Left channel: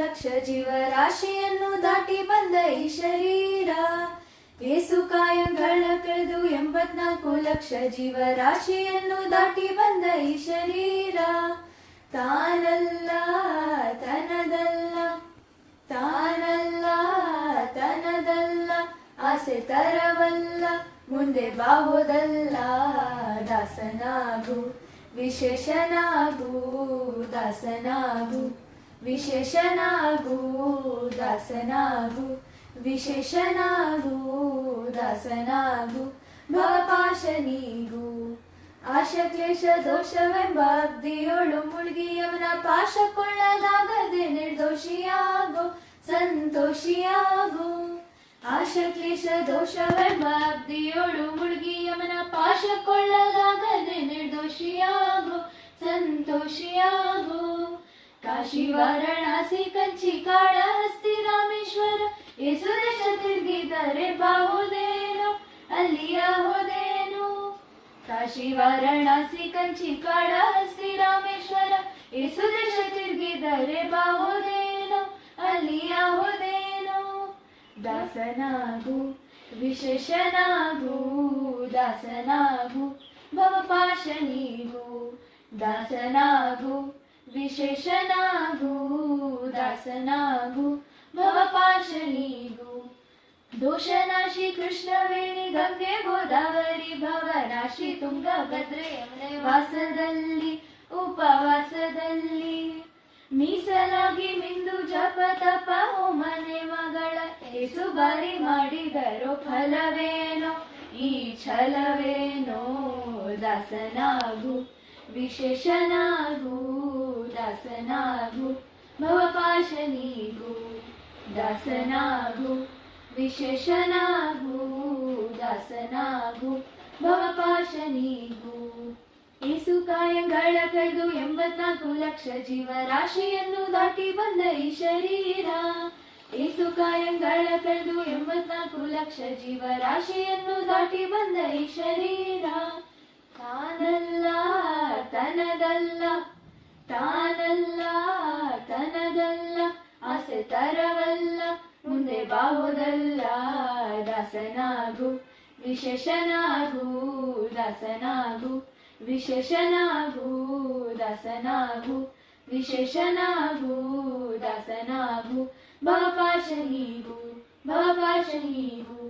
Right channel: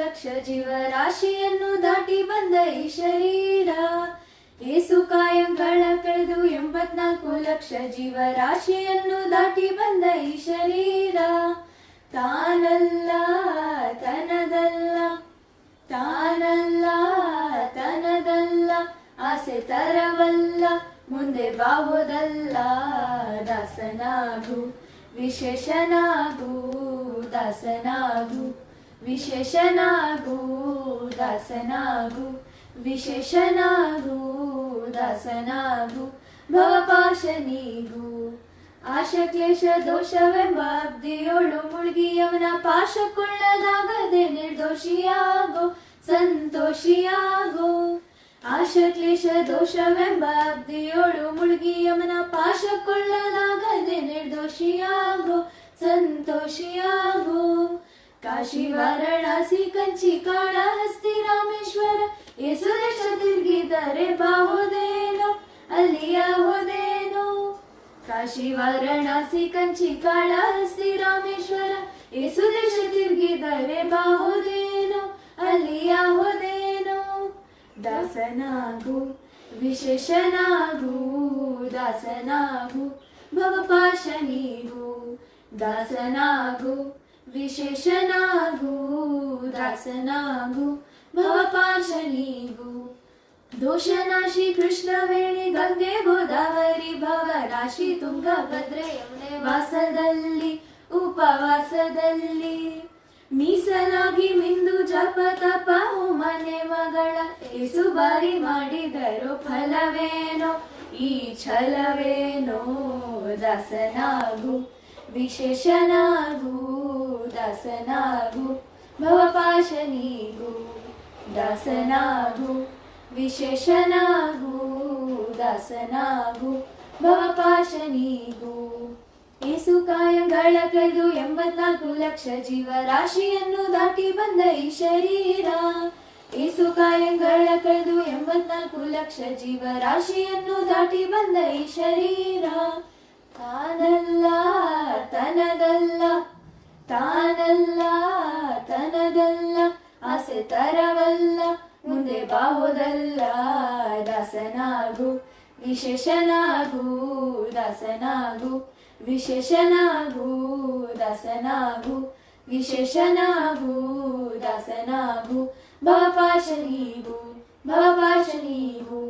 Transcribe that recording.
ಲಕ್ಷ ಜೀವರಾಶಿಯನ್ನು ದಾಟಿ ಬಂದ ಈ ಶರೀರ ಏಸು ಕಾಯಂಗಳ ಕಳೆದು 84 ಲಕ್ಷ ಜೀವರಾಶಿಯನ್ನು ದಾಟಿ ಬಂದ ಈ ಶರೀರ ತಾನಲ್ಲ ತನದಲ್ಲ ತಾನಲ್ಲ ತನದಲ್ಲ ಆಸೆ ತರವಲ್ಲ ಮುಂದೆ ಬಾಹುದಲ್ಲ ದಾಸನಾಗು ವಿಶೇಷನಾಗು ದಾಸನಾಗು ವಿಶೇಷನಾಗು ದಾಸನಾಗು ವಿಶೇಷನಾಗು ದಾಸನಾಗು ಭವಪಾಶನಿಗೂ ಆಶ ಕ್ಲೇಶ ದೋಷವೆಂಬ ಅಬ್ದಿಯೋಳು ಮುಳುಗಿ ಅವನ ಪಾಶಕೊಳ್ಳಲಾಗದೆ ನಿರ್ದೋಷಿಯಾಗೋ ಸಂತೋಷಿಯಾಗೋ ಆಶ ಕ್ಲೇಶ ದೋಷವೆಂಬ ಅಬ್ದಿಯೋಳು ಮುಳುಗಿ ಅವನ ಪಾಶಕೊಳ್ಳಲಾಗದೆ ನಿರ್ದೋಷಿಯಾಗೋ ಸಂತೋಷಿಯಾಗೋ ಕಾಶಿ ವಾರಣಾಸಿ ಕಂಚಿ ಕಾಳಹಸ್ತಿ ರಾಮೇಶ್ವರ ಏಸು ದೇಶ ತಿರುಗಿದರೆ ಬಾಹುದೇನೋ ಅಲ್ಲಿಯ ಹೋದೇನೋ ಕಾಶಿ ವಾರಣಾಸಿ ಕಂಚಿ ಕಾಳಹಸ್ತಿ ರಾಮೇಶ್ವರ ಏಸು ದೇಶ ತಿರುಗಿದರೆ ಬಾಹುದೇನೋ ಅಲ್ಲಿಯ ಹೋದೇನೋ ದಾಸನಾಗು ವಿಶೇಷನಾಗು ದಾಸನಾಗು ಭವಪಾಶನಿಗೂ ದಾಸನಾಗು ವಿಶೇಷನಾಗು ದಾಸನಾಗು ಭವಪಾಶನಿಗೂ ದೋಷನಾಶಿ ಕೃಷ್ಣವೇಣಿ ಗಂಗೆ ಗೋದಾವರಿ ಭವನಾಶಿ ತುಂಗಭದ್ರೆ ಯಮುನೆ ವಾಸದಲ್ಲಿ ಉಪವಾಸದಲ್ಲಿ ಮೀಸಲಾಗಿ ಮಿಂದು ಜಪ ತಪ ಹೋಮನೆ ಮಗಳ ಏಸು ಬಾರಿ ಮಾಡಿದರೋ ಫಲವೇನೋ ಈ ಛಲವೇನೋ ದಾಸನಾಗು ವಿಶೇಷನಾಗು ದಾಸನಾಗು ಭವಪಾಶನಿಗೂ ದಾಸನಾಗು ವಿಶೇಷನಾಗು ದಾಸನಾಗು ಭವಪಾಶನಿಗೂ ಏಸು ಕಾಯಂಗಳ ಕಳೆದು 84 ಲಕ್ಷ ಜೀವರಾಶಿಯನ್ನು ದಾಟಿ ಬಂದ ಈ ಶರೀರ ಏಸು ಕಾಯಂಗಳ ಕಳೆದು 84 ಲಕ್ಷ ಜೀವರಾಶಿಯನ್ನು ದಾಟಿ ಬಂದ ಈ ಶರೀರ ತಾನಲ್ಲ ತನದಲ್ಲ ತಾನಲ್ಲ ತನದಲ್ಲ ಆಸೆ ತರವಲ್ಲ ಮುಂದೆ ಬಾಹುದಲ್ಲ ದಾಸನಾಗು ವಿಶೇಷನಾಗು ದಾಸನಾಗು ವಿಶೇಷನಾಗು ದಾಸನಾಗು ವಿಶೇಷನಾಗು ದಾಸನಾಗು ಭವಪಾಶನಿಗೂ ಭವಪಾಶನಿಗೂ